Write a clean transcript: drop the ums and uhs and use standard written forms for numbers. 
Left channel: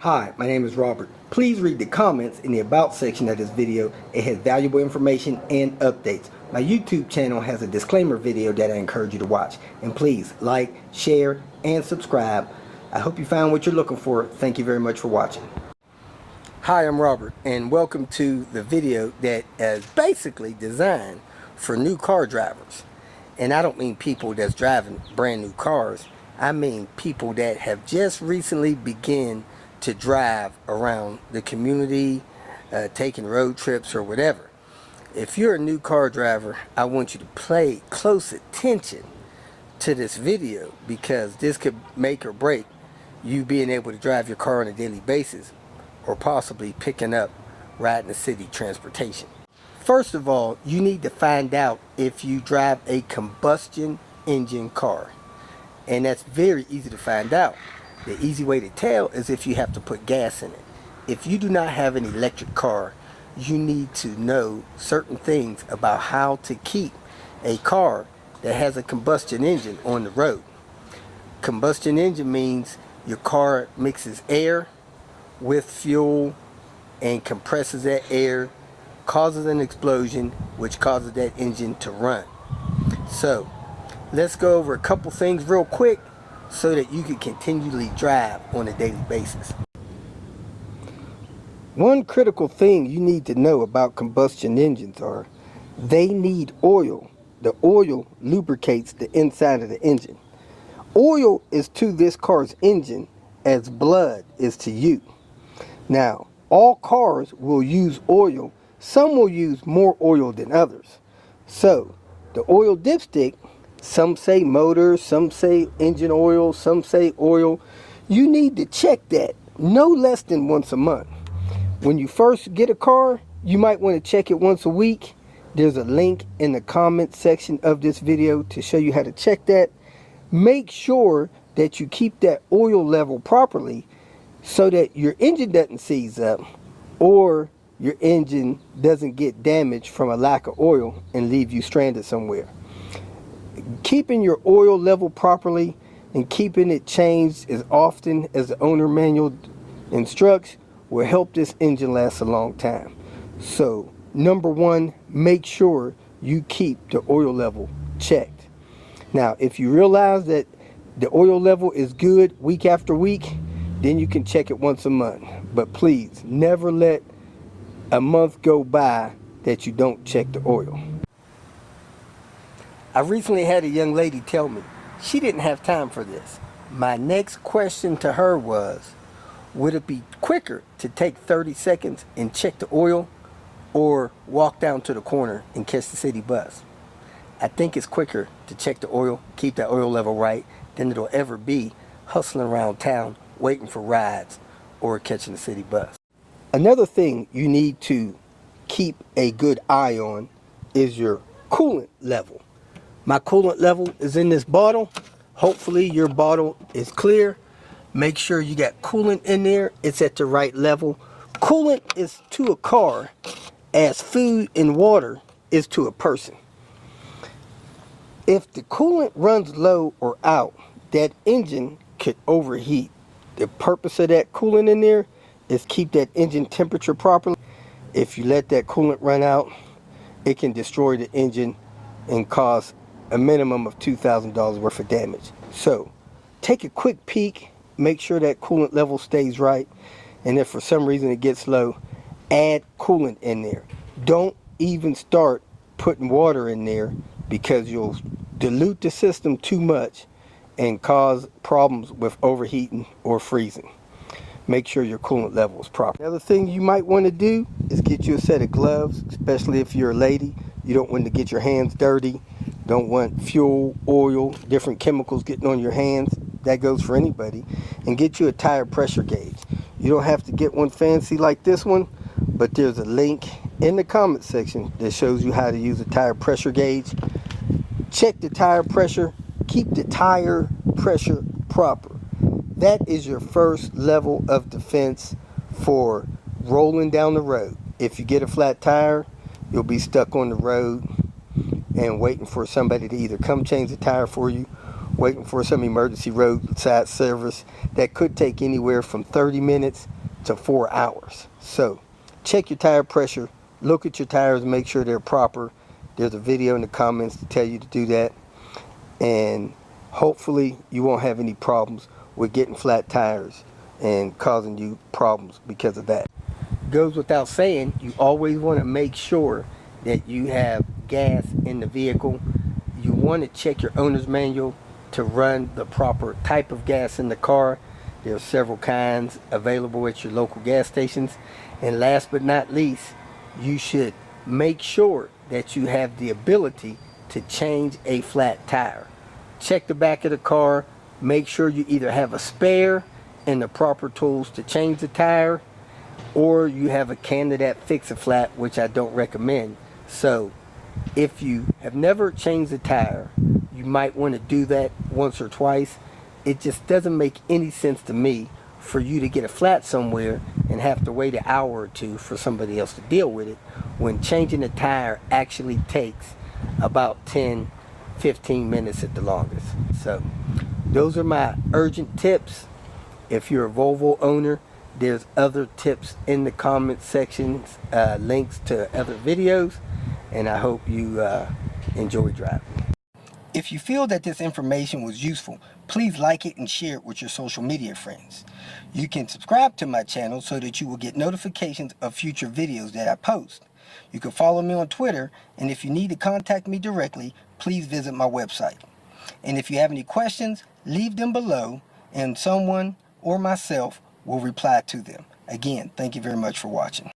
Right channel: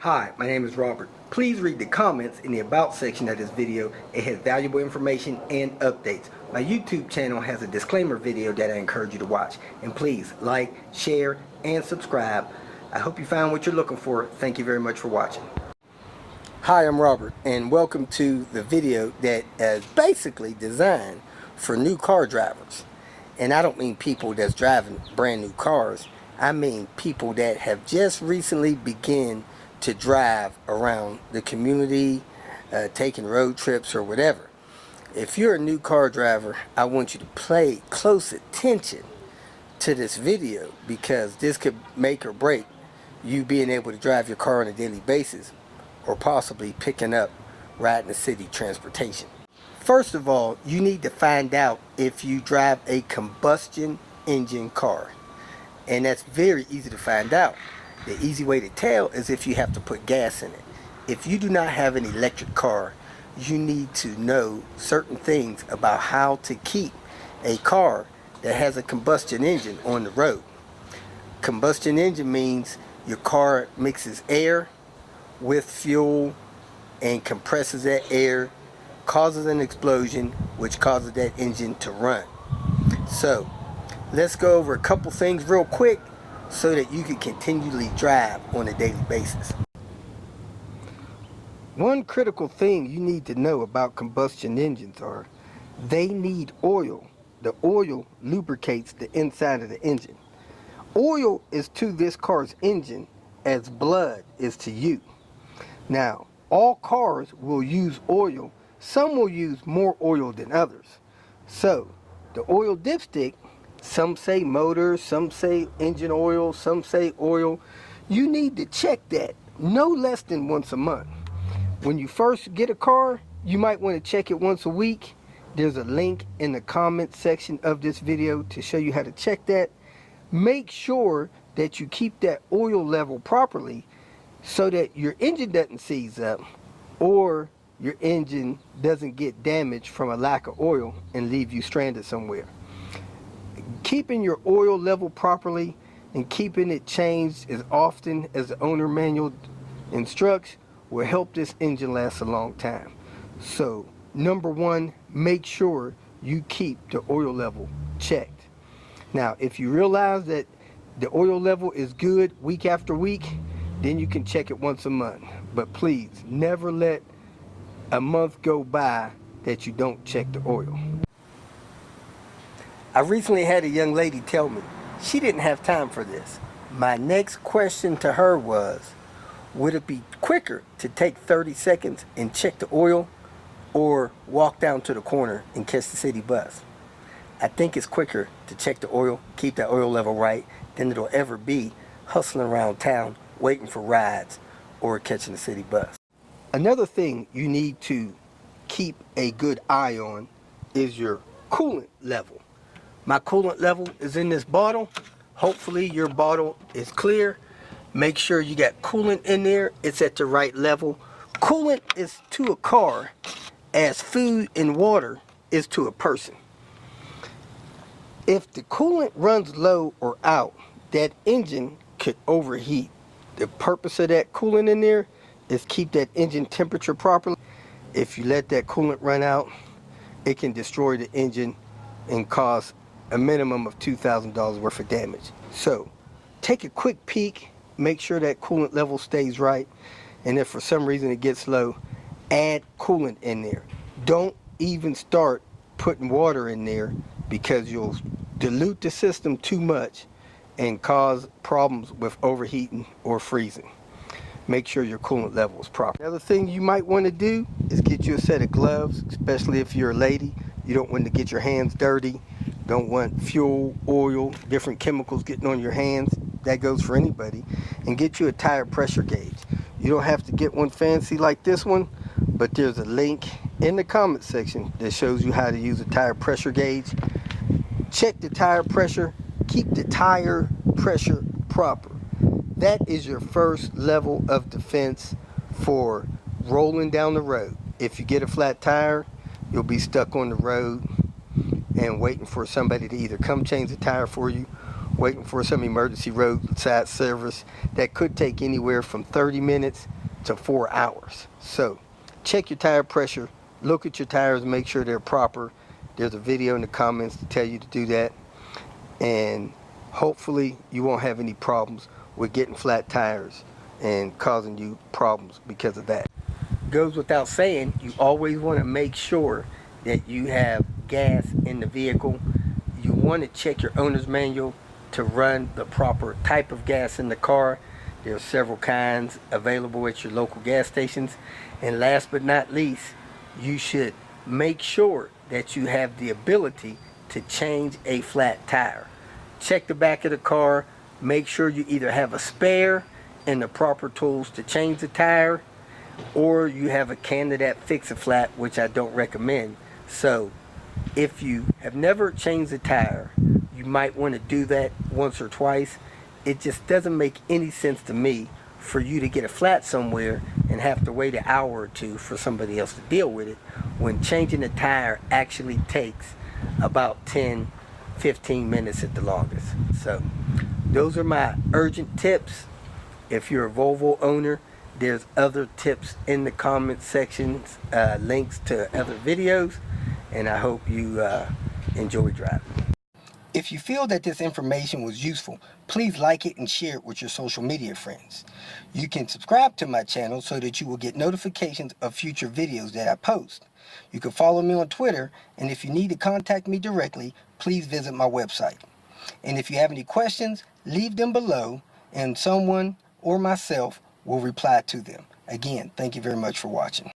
Hi, my name is Robert. Please read the comments in the About section of this video. It has valuable information and updates. My YouTube channel has a disclaimer video that I encourage you to watch. And please like, share, and subscribe. I hope you found what you're looking for. Thank you very much for watching. Hi, I'm Robert, and welcome to the video that is basically designed for new car drivers. And I don't mean people that's driving brand new cars. I mean people that have just recently begun to drive around the community, taking road trips or whatever. If you're a new car driver, I want you to pay close attention to this video, because this could make or break you being able to drive your car on a daily basis, or possibly picking up riding the city transportation. First of all, you need to find out if you drive a combustion engine car, and that's very easy to find out. The easy way to tell is if you have to put gas in it. If you do not have an electric car, you need to know certain things about how to keep a car that has a combustion engine on the road. Combustion engine means your car mixes air with fuel and compresses that air, causes an explosion, which causes that engine to run. So let's go over a couple things real quick so that you can continually drive on a daily basis. One critical thing you need to know about combustion engines are they need oil. The oil lubricates the inside of the engine. Oil is to this car's engine as blood is to you. Now, all cars will use oil. Some will use more oil than others. So, the oil dipstick, some say motor, some say engine oil, some say oil. You need to check that no less than once a month. When you first get a car, you might want to check it once a week. There's a link in the comment section of this video to show you how to check that. Make sure that you keep that oil level properly so that your engine doesn't seize up or your engine doesn't get damaged from a lack of oil and leave you stranded somewhere. Keeping your oil level properly and keeping it changed as often as the owner manual instructs will help this engine last a long time. So, number one, make sure you keep the oil level checked. Now, if you realize that the oil level is good week after week, then you can check it once a month. But please, never let a month go by that you don't check the oil. I recently had a young lady tell me she didn't have time for this. My next question to her was, would it be quicker to take 30 seconds and check the oil, or walk down to the corner and catch the city bus? I think it's quicker to check the oil, keep that oil level right, than it'll ever be hustling around town waiting for rides or catching the city bus. Another thing you need to keep a good eye on is your coolant level. My coolant level is in this bottle. Hopefully your bottle is clear. Make sure you got coolant in there. It's at the right level. Coolant is to a car as food and water is to a person. If the coolant runs low or out, that engine could overheat. The purpose of that coolant in there is keep that engine temperature properly. If you let that coolant run out, it can destroy the engine and cause a minimum of $2,000 worth of damage. So take a quick peek, make sure that coolant level stays right, and if for some reason it gets low, add coolant in there. Don't even start putting water in there, because you'll dilute the system too much and cause problems with overheating or freezing. Make sure your coolant level is proper. Another thing you might want to do is get you a set of gloves, especially if you're a lady. You don't want to get your hands dirty. Don't want fuel, oil, different chemicals getting on your hands. That goes for anybody. And get you a tire pressure gauge. You don't have to get one fancy like this one, but there's a link in the comment section that shows you how to use a tire pressure gauge. Check the tire pressure. Keep the tire pressure proper. That is your first level of defense for rolling down the road. If you get a flat tire, you'll be stuck on the road and waiting for somebody to either come change the tire for you, waiting for some emergency roadside service that could take anywhere from 30 minutes to 4 hours. So check your tire pressure, look at your tires, make sure they're proper. There's a video in the comments to tell you to do that, and hopefully you won't have any problems with getting flat tires and causing you problems because of that. Goes without saying, you always want to make sure that you have gas in the vehicle. You want to check your owner's manual to run the proper type of gas in the car. There are several kinds available at your local gas stations. And last but not least, you should make sure that you have the ability to change a flat tire. Check the back of the car, make sure you either have a spare and the proper tools to change the tire, or you have a candidate fix-a-flat, which I don't recommend. So if you have never changed the tire, you might want to do that once or twice. It just doesn't make any sense to me for you to get a flat somewhere and have to wait an hour or two for somebody else to deal with it, when changing the tire actually takes about 10-15 minutes at the longest. So those are my urgent tips. If you're a Volvo owner, there's other tips in the comment sections, links to other videos, and I hope you enjoy driving. If you feel that this information was useful, please like it and share it with your social media friends. You can subscribe to my channel so that you will get notifications of future videos that I post. You can follow me on Twitter, and if you need to contact me directly, please visit my website. And if you have any questions, leave them below, and someone or myself will reply to them. Again, thank you very much for watching.